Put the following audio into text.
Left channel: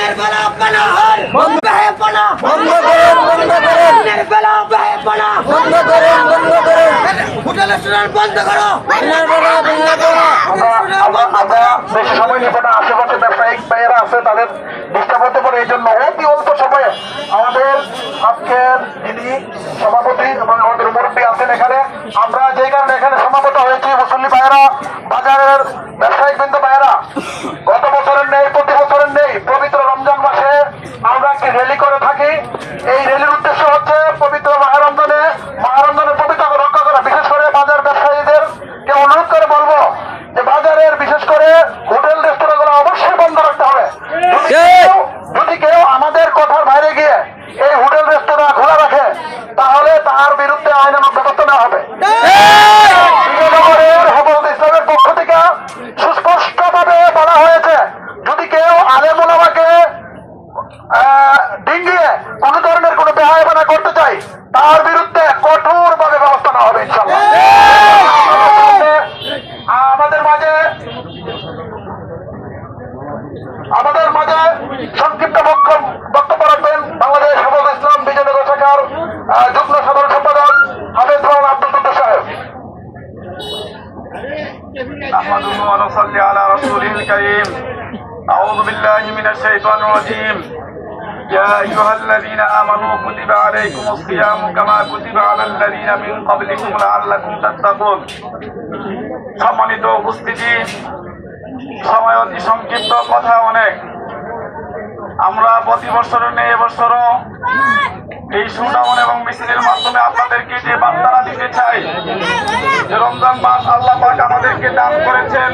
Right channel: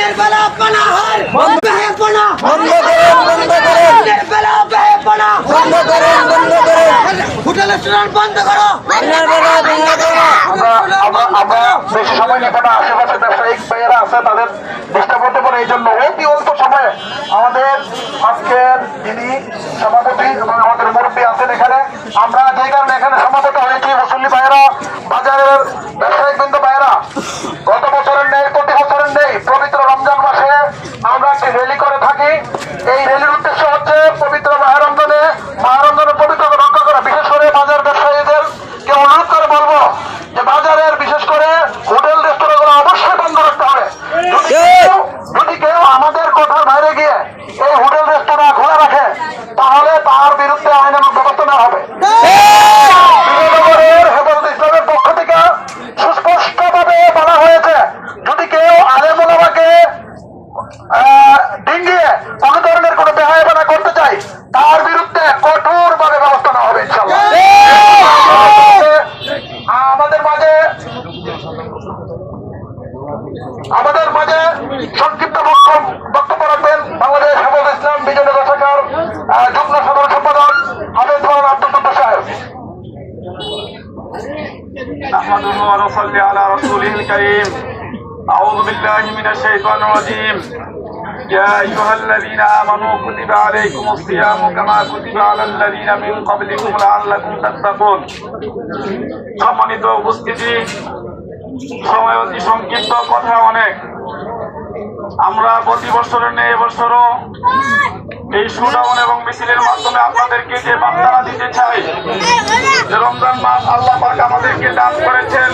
দিনের বেলা পানাহার বন্ধ করুন দিনের বেলা বন্ধ করুন হোটেল রেস্টুরেন্ট বন্ধ করো আমরা বেশি সময় নেব না। আশেপাশে ব্যবসায়িক ভাইয়েরা আছে, তাদের ডিস্টার্ব হতে পারে। এই জন্য অতি অল্প সময়ে আমাদের আজকের যিনি সভাপতি এবং আমাদের মুরব্বী আছেন এখানে, আমরা যে কারণে এখানে সমাবেত হয়েছি, মুসল্লি ভাইয়েরা, বাজারের ব্যবসায়িক বৃন্দ ভাইয়েরা, গত বছরের নেই, প্রতি বছরের নেই, পবিত্র রমজান মাসে আমরা একটি র্যালি করে থাকি। এই র্যালির উদ্দেশ্য হচ্ছে পবিত্র মাহরমজানের পবিত্রতা রক্ষা করা। বিশেষ করে বাজার ব্যবসায়ীদেরকে অনুরোধ করে বলবো যে বাজারের বিশেষ করে হোটেল রেস্তোরাঁগুলো অবশ্যই বন্ধ রাখতে হবে। যদি কেউ আমাদের কথার বাইরে গিয়ে এই হোটেল রেস্তোরাঁ খোলা রাখে তাহলে তার বিরুদ্ধে আইনানুগ ব্যবস্থা নেওয়া হবে। হেফাজত ইসলামের পক্ষ থেকে সুস্পষ্টভাবে বলা হয়েছে, যদি কেউ আলেম ওলামাকে ডিঙ্গিয়ে কোন ধরনের কোন বেহায়াপনা করতে চাই তার বিরুদ্ধে কঠোর ভাবে ব্যবস্থা নেওয়া হবে ইনশাআল্লাহ। আমাদের মাঝে সংক্ষিপ্ত বক্তব্য রাখবেন বাংলাদেশ হেফাজত ইসলাম বিজয়নগর শাখার যুগ্ম সাধারণ সম্পাদক হাফেজ মাওলানা আব্দুল কুদ্দুস সাহেব। نحمده ونصلي على رسوله الكريم. أعوذ بالله من الشيطان الرجيم. يا أيها الذين آمنوا كتب عليكم الصيام كما كتب على الذين من قبلكم لعلكم تتقون. সম্মানিত উপস্থিতি, সময় অতি সংক্ষিপ্ত, কথা অনেক। আমরা প্রতি বছরের নেই এবছরও এই শোডাউন এবং মিছিলের মাধ্যমে আপনাদেরকে যে বার্তাটা দিতে চাই যে রমজান মাস আল্লাহ পাক আমাদেরকে দান করেছেন